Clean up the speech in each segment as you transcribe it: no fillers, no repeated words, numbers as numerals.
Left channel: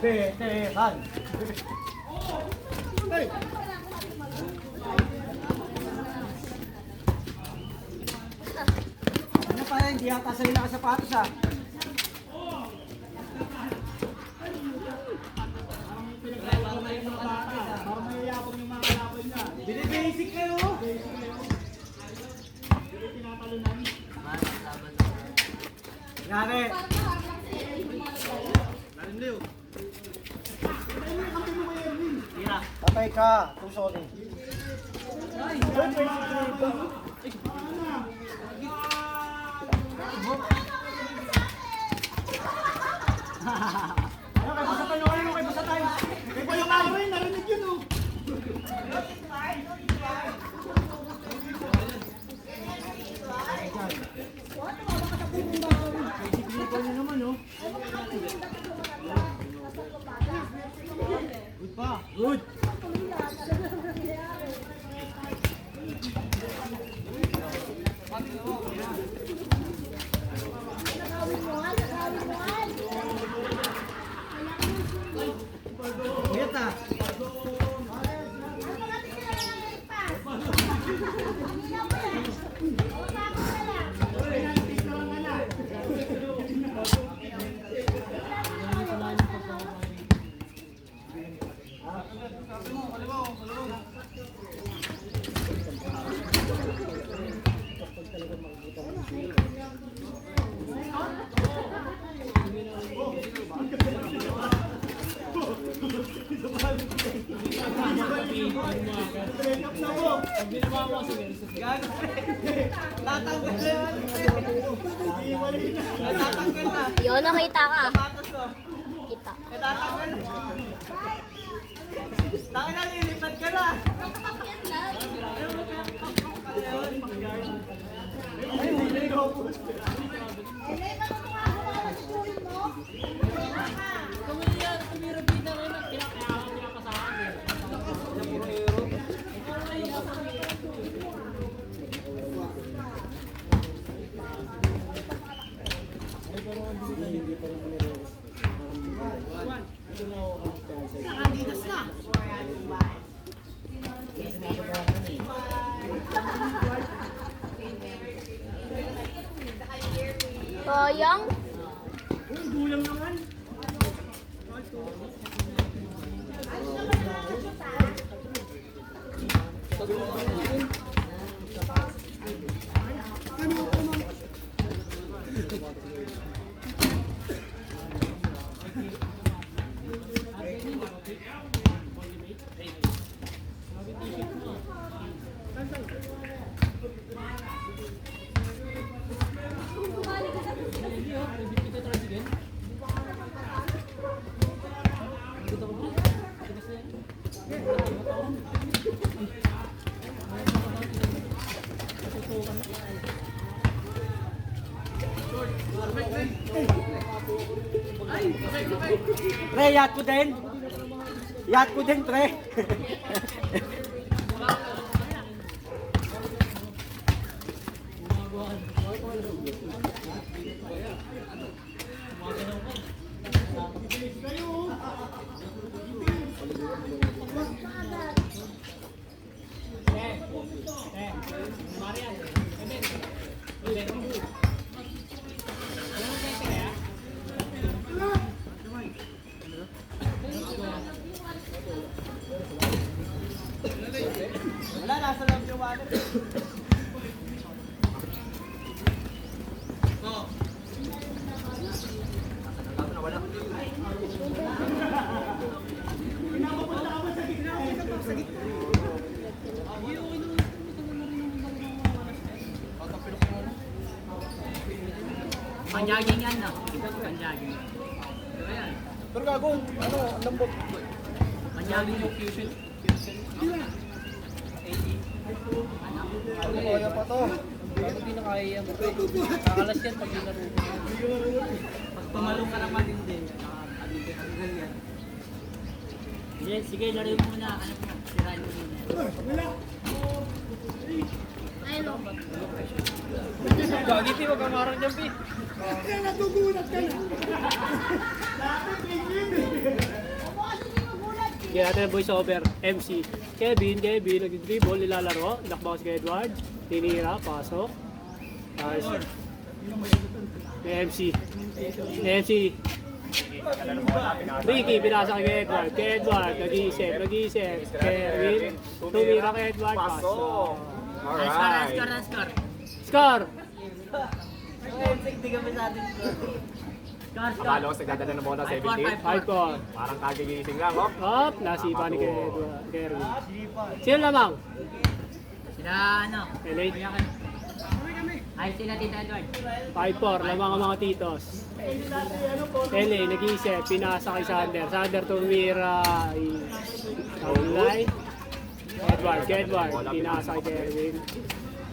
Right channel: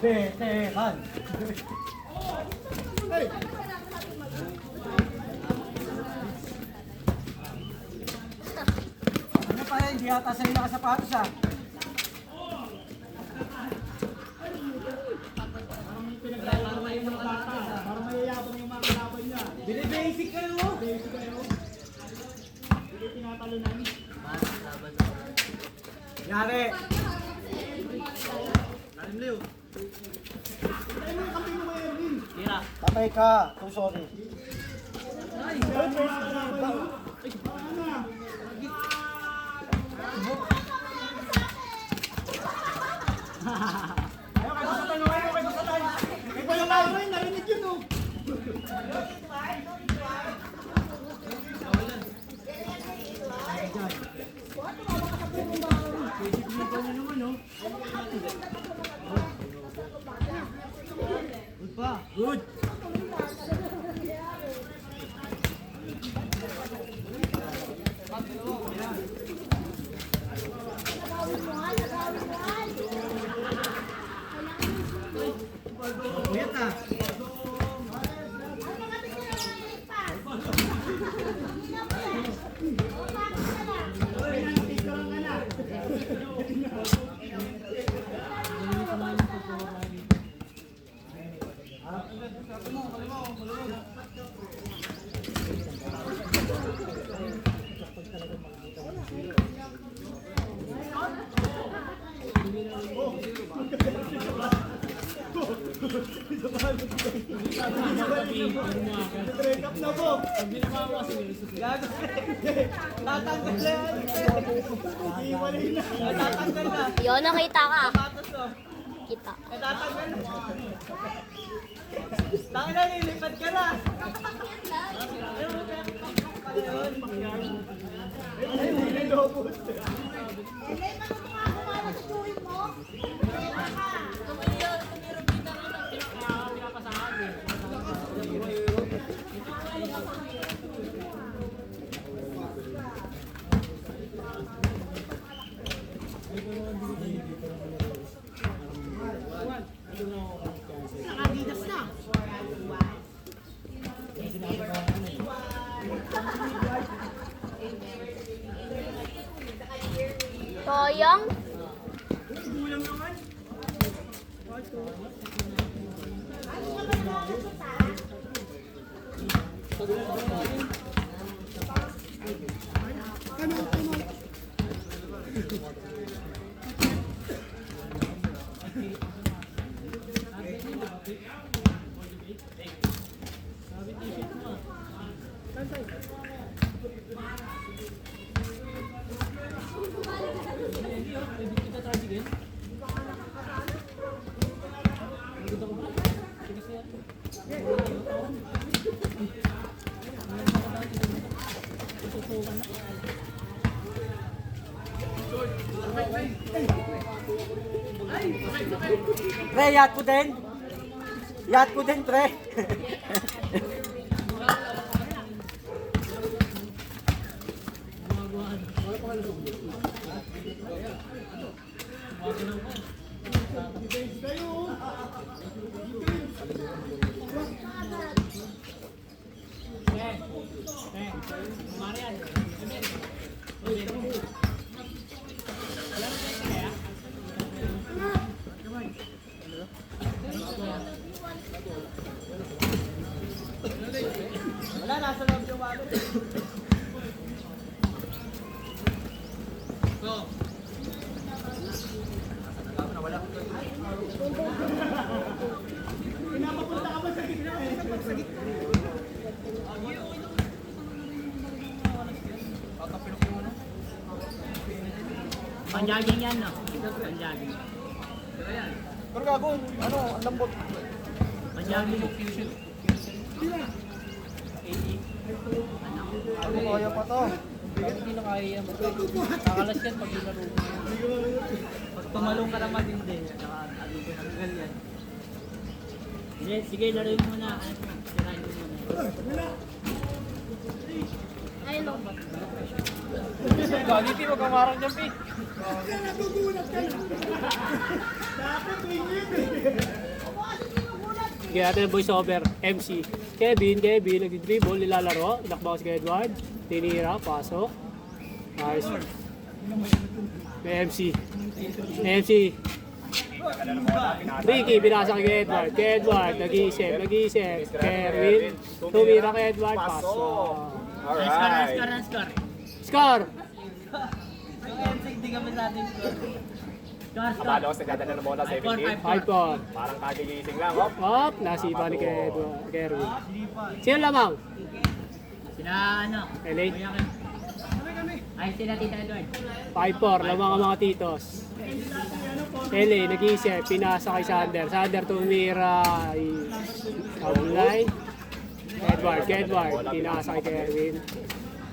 Veteran. Hey! Ano pa yan? Hindi yata sa'yo nakasapatos ah. Para mayayabang yung mga kalaban niya. Basic kayo! Basic kayo! Hindi tinatalunan. Yari! Lalim Leo! Ay, may kampi mo kayo, Erwin! Patay ka! I'm sorry. Ay! Narinig yun oh! Basic vehicle na naman oh! Good pa! Good! Yun, nakita ka. Kita. Taka na, lilipad ka na! Ay, hindi ko po. Nakadidas na. Sayang. Gulang naman. Pre, yacht ko din. Yacht ko din, pre. Wala, nasa loob yung water. Pinapapunta ka ba sa gitna? Pinapapunta ka sa gitna. Panjaging yan, no? Panjaging. Pero gago, ano, ang lambot. Panjaging yung fusion. Ano kaya pa to? Hindi na kaya yan. Kakalas yan pag ilaro mo. Pag tumalong ka naman hindi. Sige, laro mo na. Sirain mo muna. Ayun o. Gagiti, wag kang marang dyan, Pi. Kaya natin ang voice over, MC. Kevin, nag-dribble, nilalaro, inakbaw si Edward, tinira, pasok. Ayos. May MC. Ricky, binasa kay Edward. Nag-iisip. Kerwin, tumira kay Edward, pasok. Score! Akala ko sa ganda na bola 17. 5-4. Parang kagigising lang, hop. Hop, nasipa ni Kerwin. Sino lamang? Sila ano? LA. Ayos sila Tita Edward. 5-4, lamang ang mga titos. LA, nag-iisip, pinasa kay Sander. Sander tumira. Outline. Edward, pinasa kay Kerwin.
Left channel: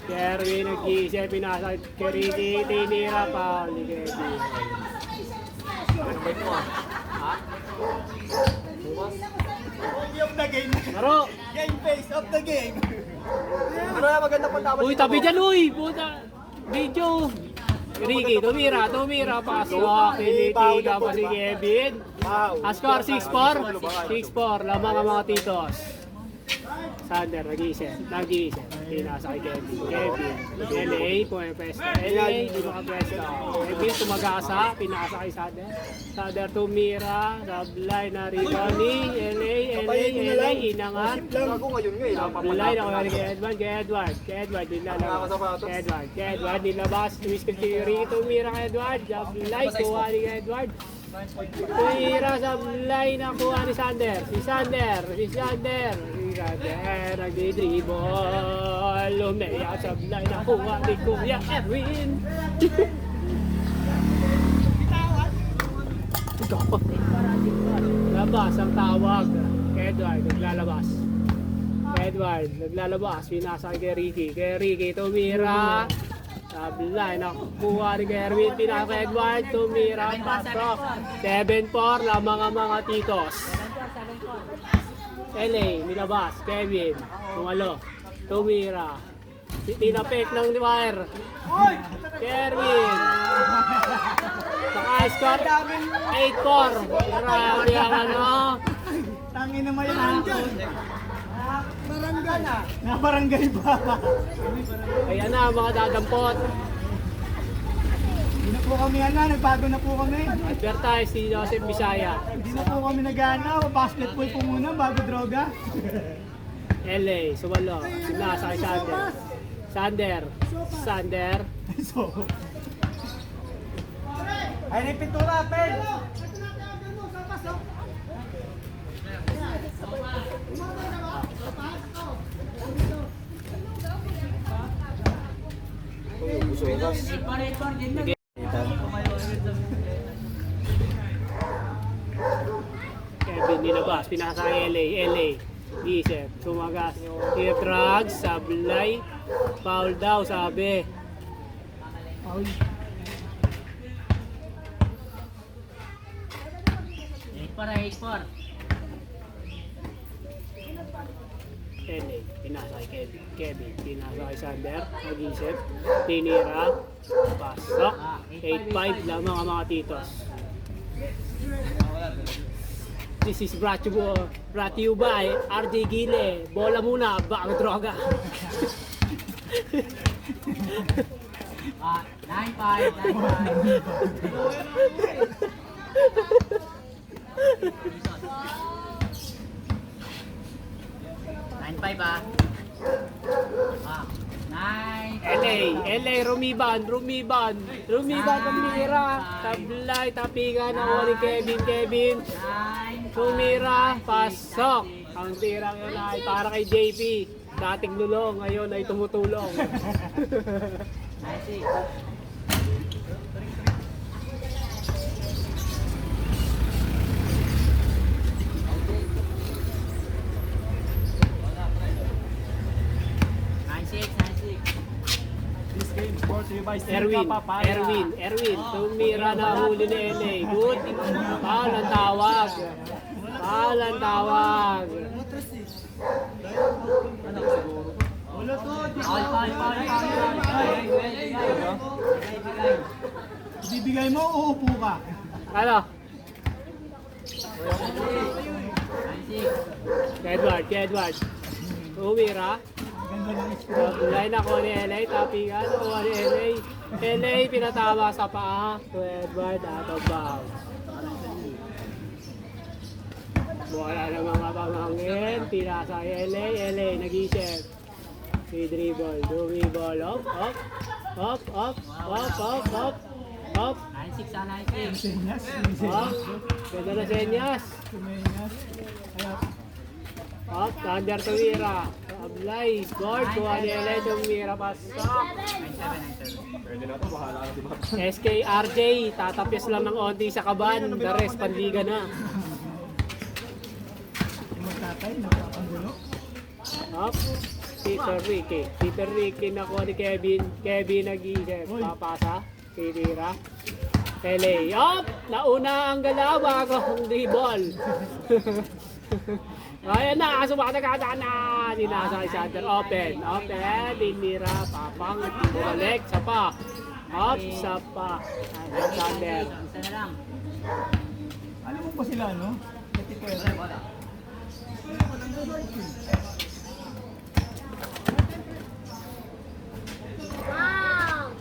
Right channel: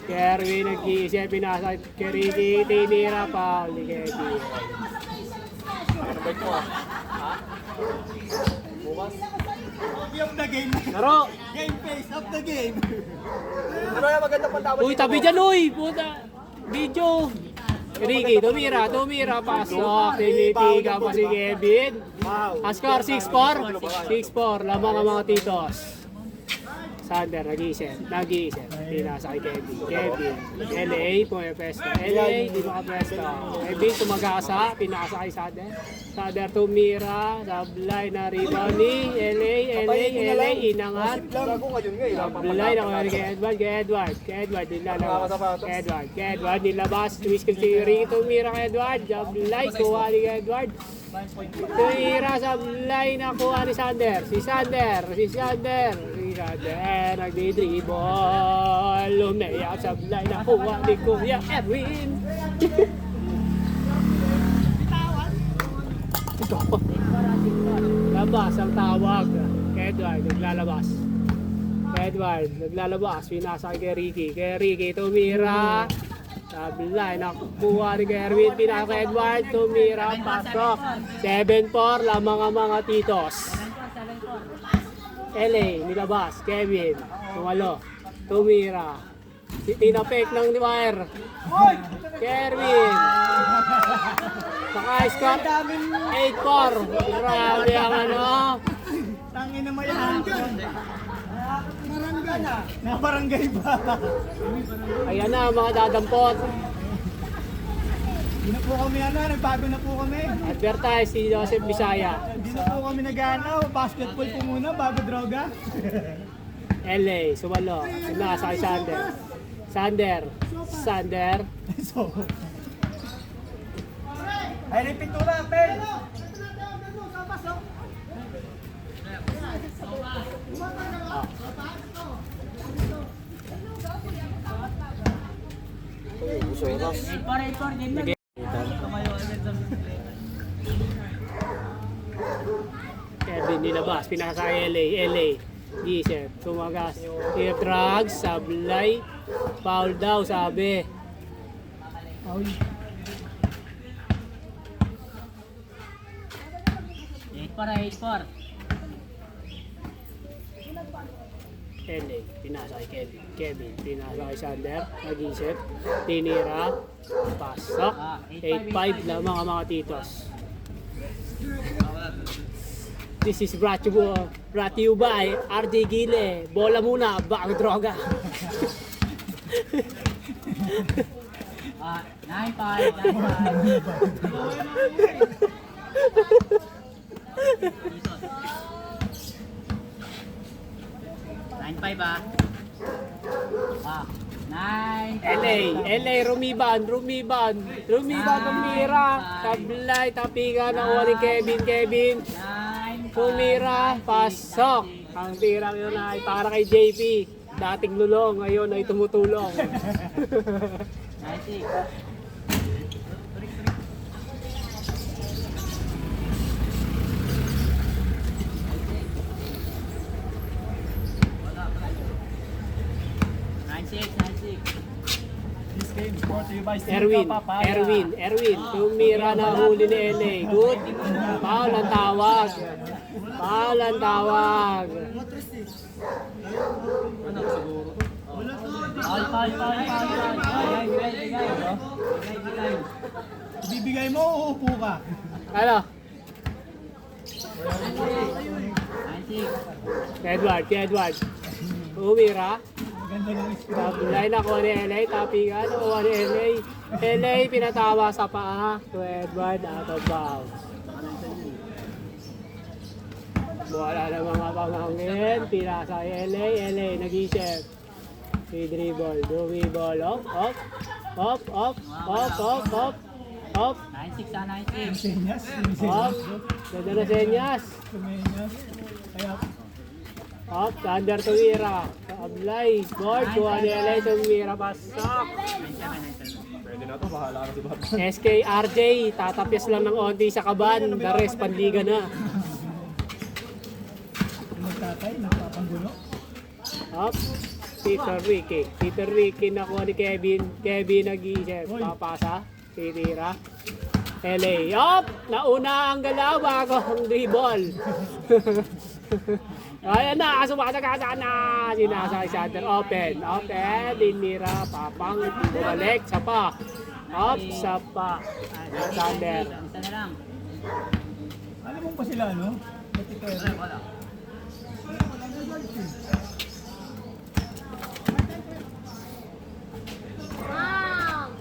Kerwin, nag-iisip, pinasa kay Ricky. Tinira pa ni Kevin. Laro! Game face of the game. Uy, tabi dyan, uy! Puta! Video! Ricky, tumira, pasok. Tinitiga pa si Kevin. Ang score 6-4. 6-4, lamang ang mga titos. Sander, nag-iisip. Pinasa kay Kevin. LA, pumipesta. LA, di makapesta. Kevin, tumagasa. Pinasa kay Sander. Sander, tumira. Sablay na rebound ni LA, inangat. Sablay na kaya kay Edward, Edward, nilabas. Tumiskil si Ricky, tumira kay Edward. Sablay, kuha ni Edward. Tumira, sablay na kuha ni Sander. Si Sander. Nagdi-dribble, umiyak sa blay na kuha ni Kuya Erwin. Labas ang tawag. Edward, naglalabas. Pinasa kay Ricky. Tumira. Sa blay na kuha ni Erwin. Pinasa kay Edward. Tumira. Pasok. 7-4, lamang ang mga titos. LA, nilabas, Kevin, tumalo, tumira, tinapik ng wire, Kerwin, naka-score, 8-4, grabe ang ano, Tangin na mayaman dyan. Barangay. Barangay ba? ayan na mga dadampot, Hindi na po kami nagbago na po kami. advertise si Joseph Bisaya, Hindi na po kami basketball po muna bago droga. LA, sumalo, sinasa kay Sander, So, ay rin pintura, Pel. Kevin nilabas, pinasa kay LA, isip, sumagas, drugs, sablay, foul daw sabi. Para 8-4. LA, pinasa kay Kevin, pinasa kay Sander, nag-isip, tinira, pasok, 8-5 lamang ang mga titos. This is brought to you by RD Gile. Bola muna, bago droga. 9-5 ah. 9. LA, rumiban, tumira, tablay, tapigan ng wali Kevin, tumira, pasok. Ang tira nyo na ay para kay JP, dating lulong, ngayon ay tumutulong. 9-6. Erwin, tumira na huli ni LA. Good. Foul ang tawag. Bibigay mo o uupo ka? Ano? Edward. Umira. Line ako ni LA, tapingan ako ni LA. LA pinatawa sa paa. To Edward, out of bounds. Wala na mga pamangkin. Pinasa LA, nag-isip. Si dribble, dumiball, up. Up. 96 sa 96. Senyas. Up. Ganda na senyas. Senyas. Ayun. Up. Thunder tumira. Ablay. Board. Kuha ni LA tumira. Basta. Pwede na ito, bahala ka diba? SKRJ. Tatapis lang ng onti sa kaban. The rest, pandiga na. Magtatay, nagpapandulo. Up. Peter Ricky nakuha ni Kevin. Kevin nag-isip. Papasa. Titira. LA. Up! Nauna ang galaw bago ang dribble. Ayan na, kasubata ka na. Sinasa Sander. Open. Dinira. Papang. Balik. Sapa. Up. Sapa. Sander. Isa na lang. Alam mo pa sila, no? Wow!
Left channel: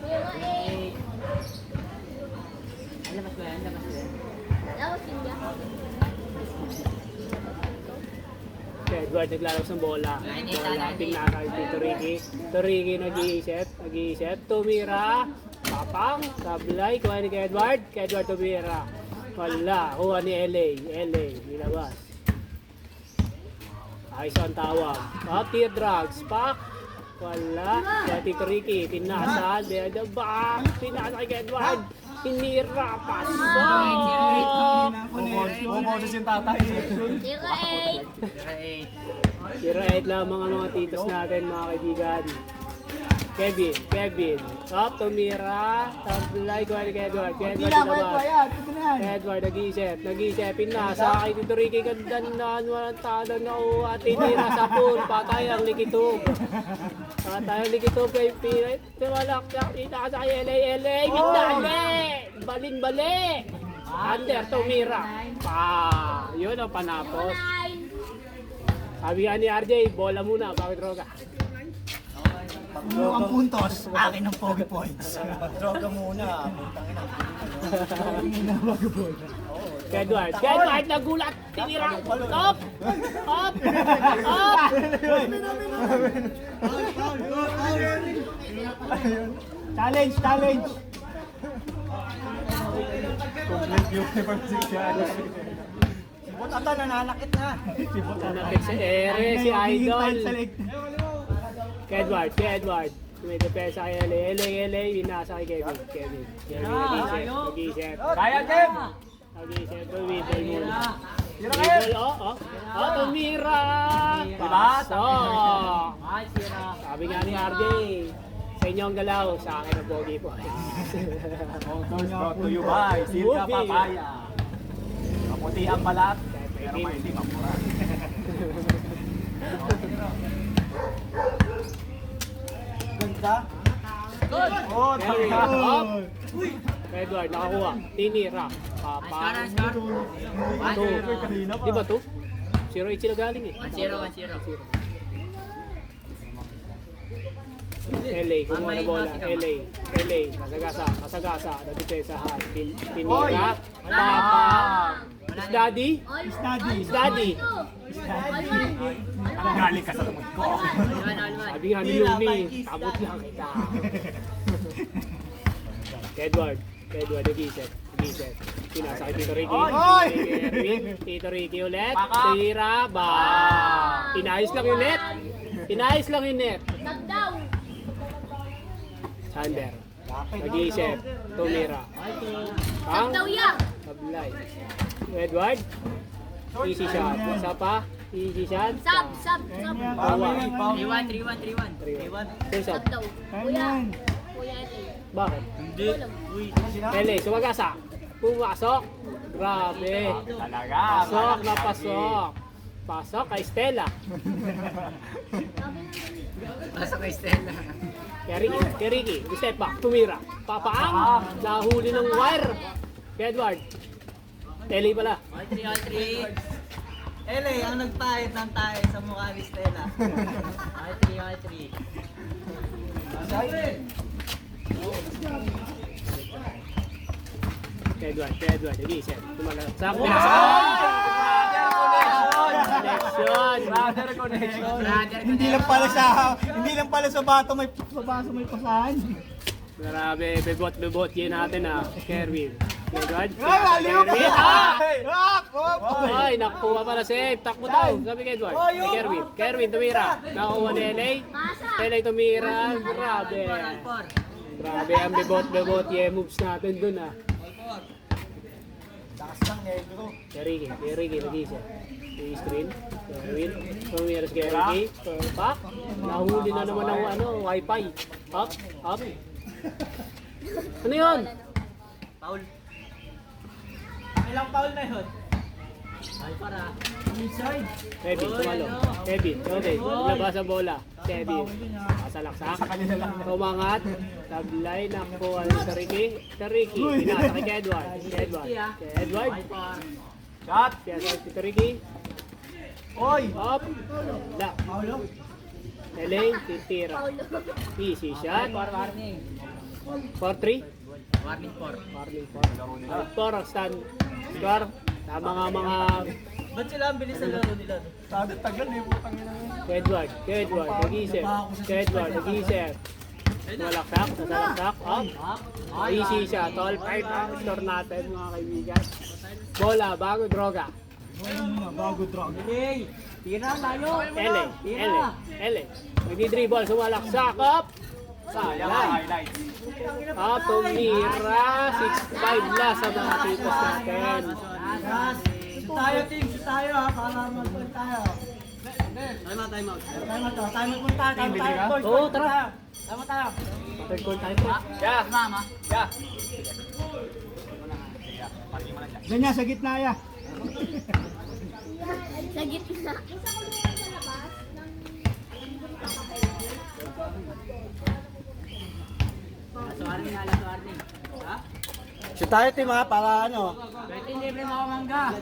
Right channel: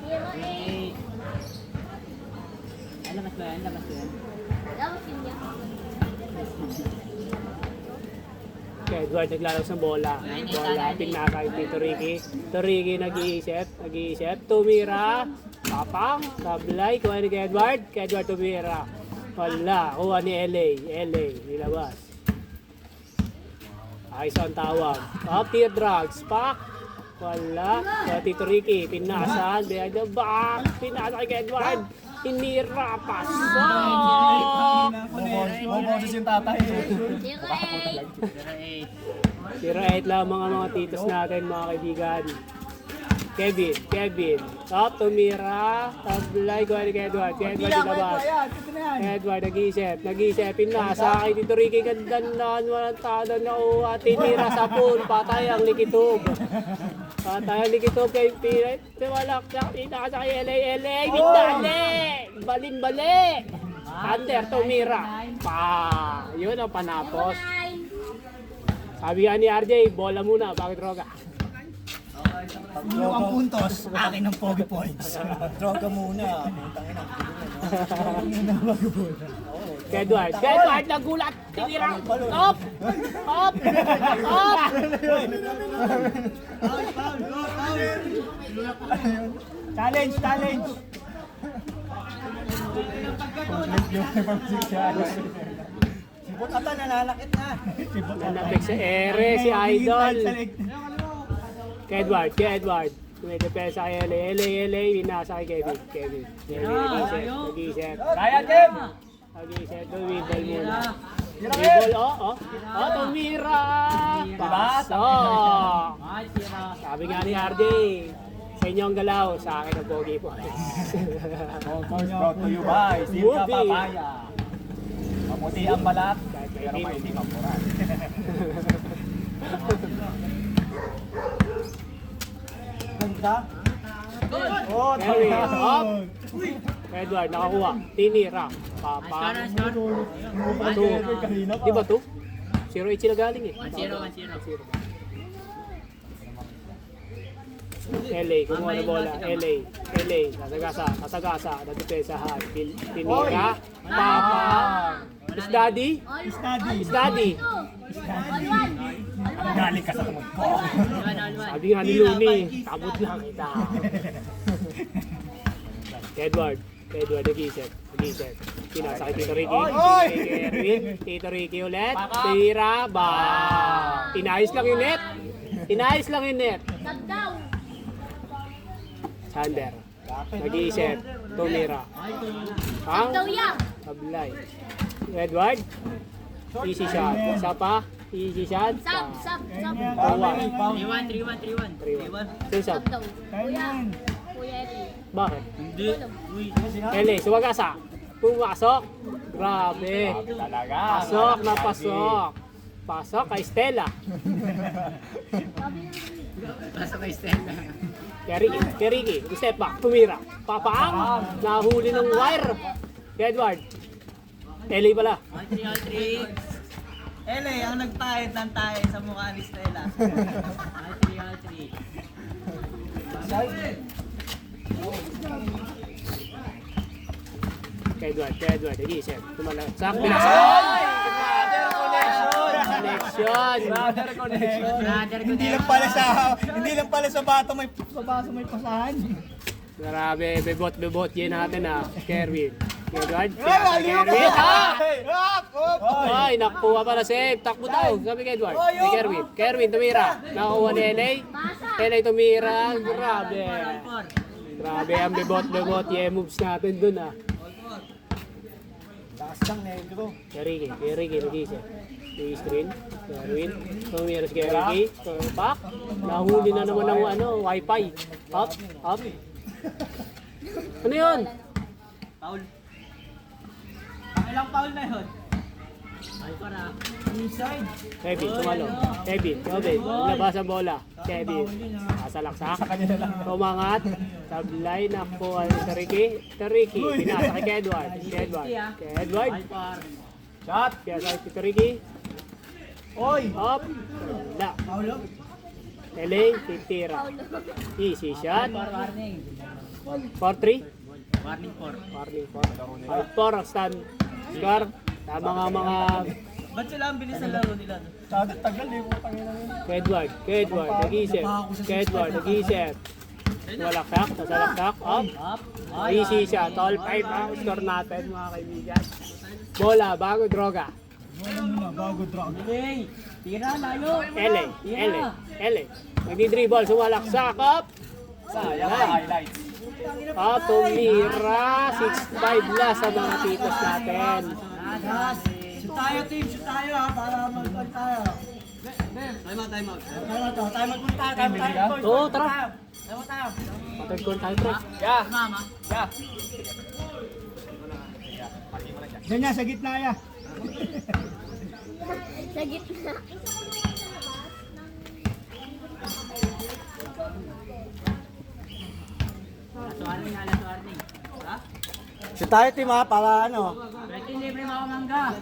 08. Labas ba yan? Labas yun yan. Edward naglalabas ng bola. Pinasa dito Ricky. Ricky nag-iisip. Tumira. Papang. Sablay. Kuha ni Edward. Edward tumira. Wala. Kuha ni LA. Nilabas. Ayos ang tawag. Tear drugs. Pak. Wala. Kaya Tito Ricky. Pinasan. Behind the back. Pinasa kay Edward. Hinira. Pasok. Bumoses yung tatay. 08. 0-8 lamang ang mga titos natin, mga kaibigan. Kevin. Up, tumira. Tablay, kuha ni Edward. Edward labas. Edward, nag-iisip. Pinasa kay Tito Ricky. Gandang na, walang talang na uwa. Tinira sa pool. Patay ang likitog. Kay Piret. Tumalak na. Pinasa kay LA. Bali. Under, tumira. Yun ang panapos. 09. Sabi nga ni RJ, bola muna, bakit droga? Ang puntos, akin ng pogi points. Droga muna. Edward, nagulat, tinira, up! Challenge. Sibot ata, nananakit na. Nanapik sa ere, si Idol. Edward. May depensa kay LA, binasa kay Kevin. Nag-iisip. Kaya, Kev! Nag-iisip, dribble muna. Dribble, tumira! Pasok! Ay, sira. Sabi nga ni RJ, sa inyo ang galaw, sa akin ang pogi po. Photos brought to you by Silka Papaya. Maputi ang balat, pero mahilig ang mura. Ganda. Carry, up! Edward, nakakuha. Tinira. Papa. Bato. Di ba to? 0-8 sila galing eh. 1-0. LA, kumuha na bola. LA, kasagasa, nagdepensahan. Tinira. Papa. Is daddy? Study. Galing ka sa tumod ko. Sabi nga ni Lumi, tabot lang kita. Edward, nag-isip. Pinasa kay Tito Ricky. Tito Ricky ulit. Tira, Inayos lang yung net. Tagdaw. Sander. Nag-iisip. Tumira. Tagdaw yan. Sablay. Edward. Easy shot. Isa pa. Easy shot. Sab. Awa. 3-1. Saan sab? Tagdaw. Kuya Ete. Bakit? Tulong. LA, sumagasa. Pumasok. Grabe. Talaga. Pasok. Pasok kay Stella. Pasok kay Stella. Kay Ricky. Step back. Tumira. Papaang. Nahuli ng wire. Kay Edward. Eli pala. All three. Ele, ang nagpahit ng tayo sa mukha ni Stella. All three. Kay Edward. Nag-iisip. Tumalagsak. Connection. Hindi lang pala sa baso may pasahan. Grabe, bebot yun natin Kerwin. Edward. Ayun! Kerwin. Ay, nakuha pala save. Takbo daw. Sabi kay Edward. Kay Kerwin tumira. Nakuha ni LA. LA tumira. Grabe. Grabe ang bebot yung moves natin dun Kay Ricky, nag-isip. Screen. Kerwin. Tumira si Ricky. Pak. Nahuli na naman ng wifi. Up. Ano yun? Paul. Ilang foul na yun? Inside. Kevin, tumalo. Kevin, labas ang bola. Kevin, sasalaksak. Tumangat. Tablay, nakuha sa Ricky. Pinasa kay Edward. Edward. Shot. Kaya sa si Ricky. Oy! Up. La. Elaine, titira. Easy shot. Warning. 4-3. Warning 4. 4 ang stand. Score. Tama nga mga Ba't sila ang bilis ng laro nila? Tagal eh, putang ina mo. Kay Edward, nag-iisip. Nasalaksak. Up. Easy shot. All 5 ang score natin mga kaibigan. Bola, bago droga. Bago drop. Tira, layo. Ele. Nagdi-dribble, sumalaksak. Up. Sayang. Highlights. Up, tumira. 6-5 la sa mga titos natin. Shoot tayo para mag-goal tayo. Time out muna tayo. Oo, tara. Time out tayo. Third goal tayo, pre. Yeah. Mama. Yeah. Parking mo na siya. Diyan sa gitna ya. Sa gitna. Last warning. Shoot tayo team para ano. 13 libre mga mangga.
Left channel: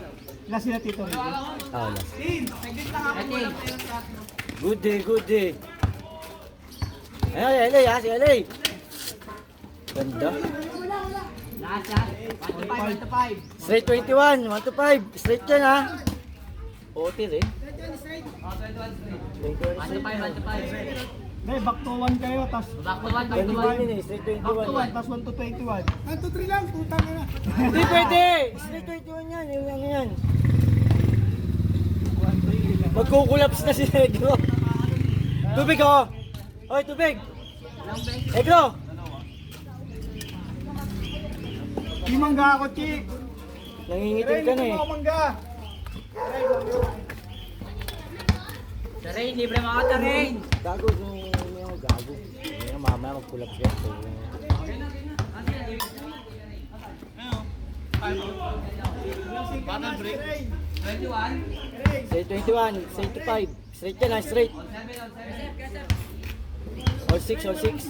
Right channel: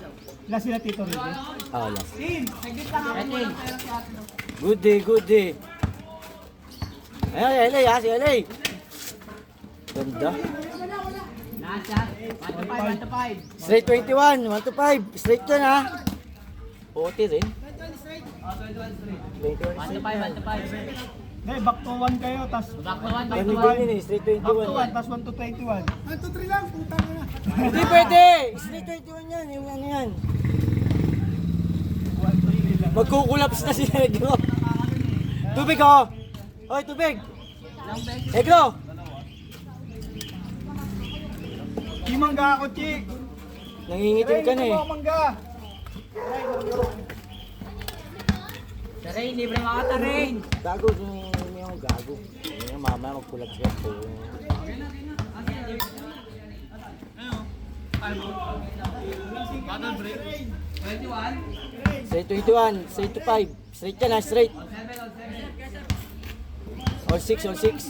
Ilan sila tito? 13. Good day. Ayan, LA si LA. Ganda. Last shot. 1 to 5. Straight 21, 1 to 5. Straight yan ha. OT rin. 1 to 5. Hindi, back to 1 kayo, tas Back to 1, back to 21 1. yun straight 21. Tas 1 to 21. 1 to 3 lang, putang na. Hindi pwede! Straight 21 yan, yung ano yan. Magkukulaps na si Negro. Tubig ako! Hoy, tubig! Negro! Di mangga ako, Chik! Nangingitim ka na eh. Taray, libre mga taray. Gago, yung gago. Yung mamaya magkulap siya. Battle break. Straight 21, straight to 5. Straight yan ha, straight. All 6. All 6.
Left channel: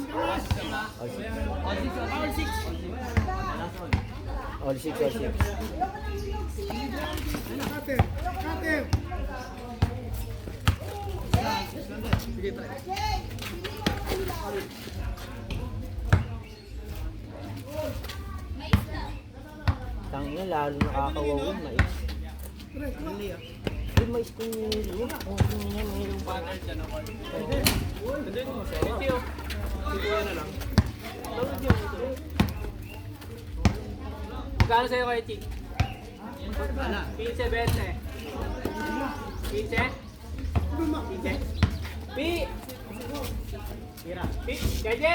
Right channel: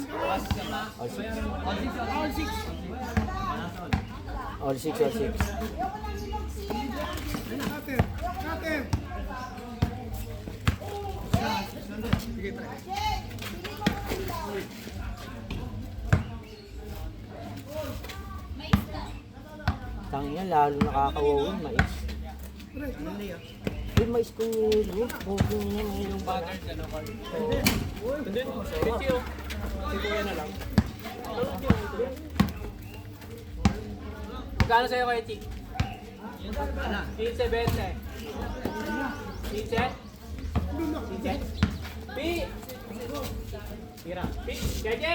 Tangina, lalo nakakawawa mais. Yung mais ko yun. Magkano sa'yo kaya, Chik? 15-20. 15? JJ!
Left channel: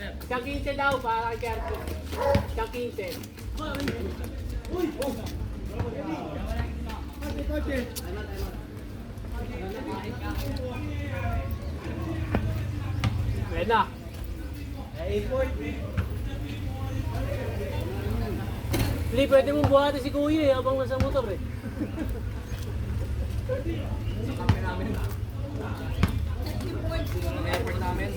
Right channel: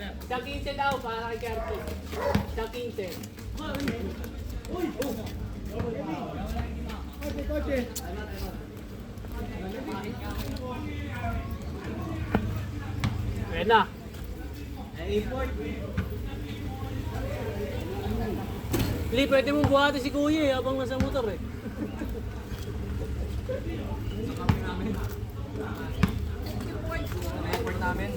Isang 15 daw para kay Kerto. Isang 15. Pwede na. Hindi, pwede mong buhatin si Kuya habang nasa motor Effort namin.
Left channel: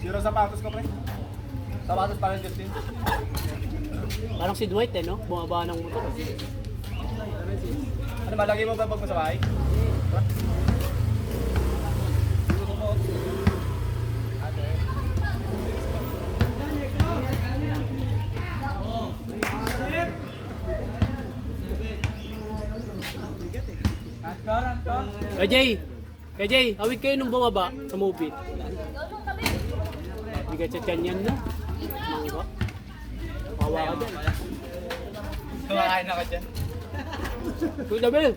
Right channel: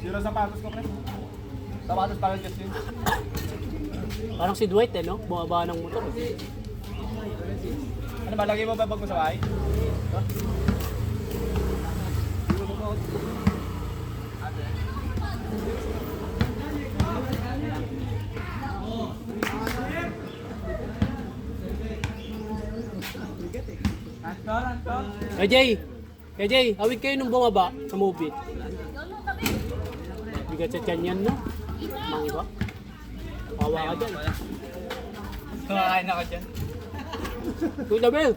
Zero sapatos ko, pre. Sapatos pa rin, Justin. Parang si Dwight eh, no? Bumaba ng motor eh. Ano ba, lagay mo ba pag masakay? KJ, awit kayo nung bumaba sa movie. Bigat sa tiyan yan, no? Diba? Kawa ka dyan. Kumakain ako dyan. Kuya Bel!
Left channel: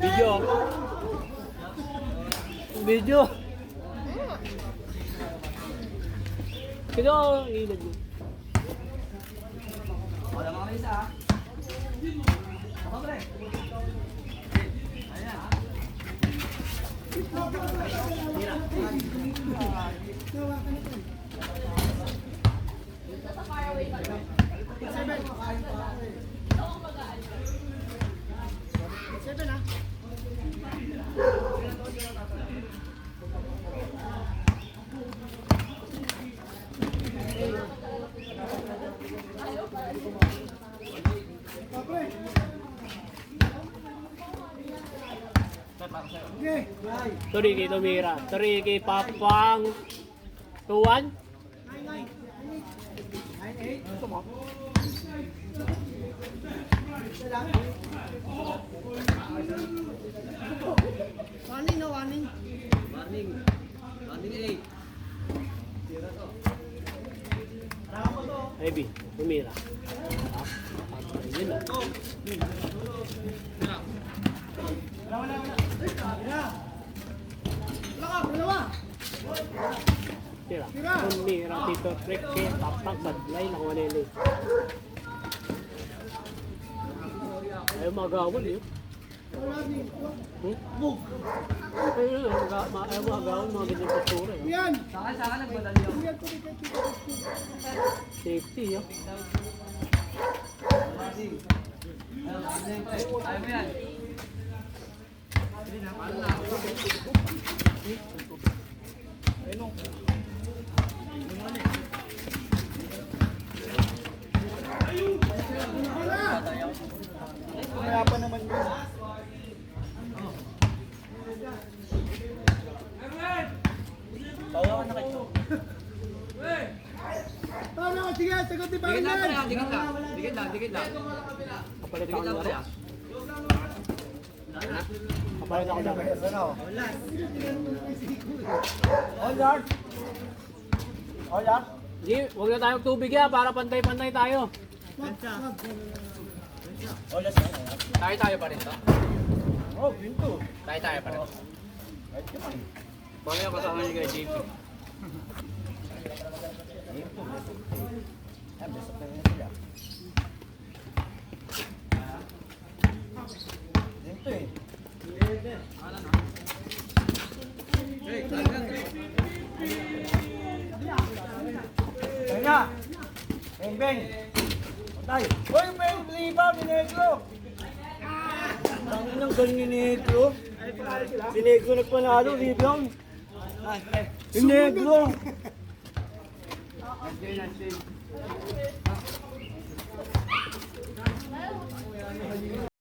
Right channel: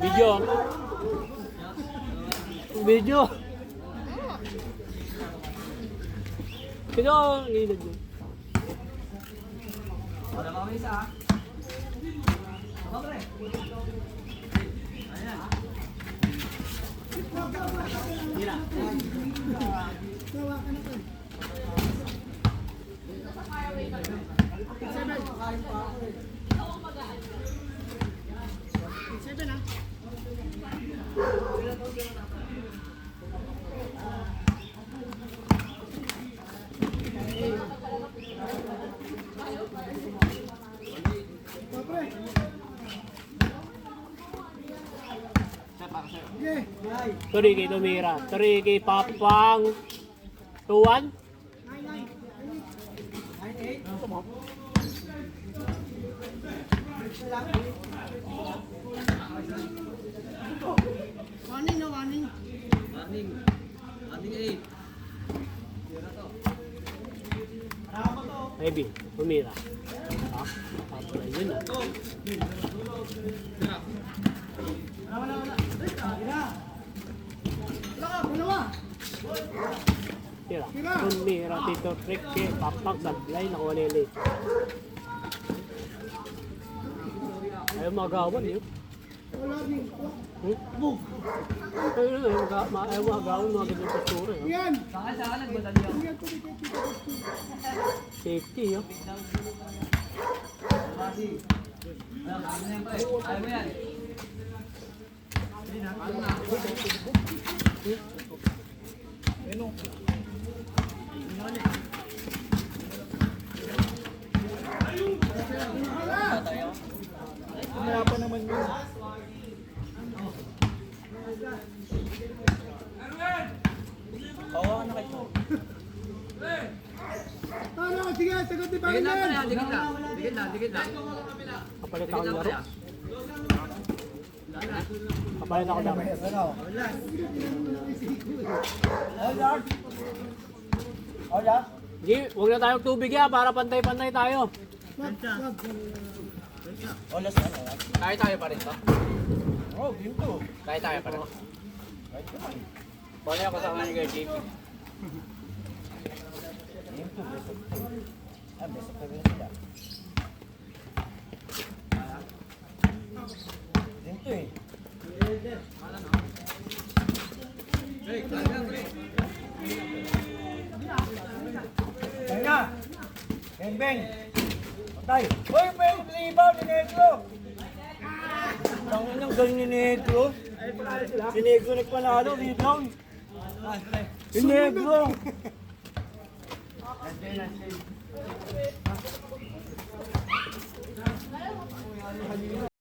Video ako. Video. Kaya ako ilag mo. Wala mga isa ha. Ako pre. Ayan. Sorry kay Tumira. Sorry kay Papang. 2-1. Warning na warning. Warning. Warning 8. Heavy. Tumira. Yun na. Dalawa. Tira. Tumira. Tito Rick. Papang sablay na kumanili. Ayaw magawan yun. Wala din. Ayaw magawan mga ganyan postura. Yan. Saka nagmadali ako. Yan ko dito. Safety yun. Kasi. Ayaw mo yan pre. Ayaw mo yan. Mahirapan naman yun. Ano, sige, sagot ni Dikit lang pre Pangyan. ha. Dikit lang. Dikit lang. Dikit lang. Kapalit Dikit ako lang pre lang. ha. Kapalit ako lang. All yard. Hindi, huwag na tayong tubig ya para pantay-pantay tayo. Wag. Kaya tayo pa rin to. Oh, pinto. Kaya tayo pa rin. Mamaya kasama niyo kay Jake. Pinto eh. Kaya. Beng beng. Patay. Hoy, may libaw ni Negro. Ang inang galing ni Negro. Si Negro nagpanalo, rebound. Si Negro.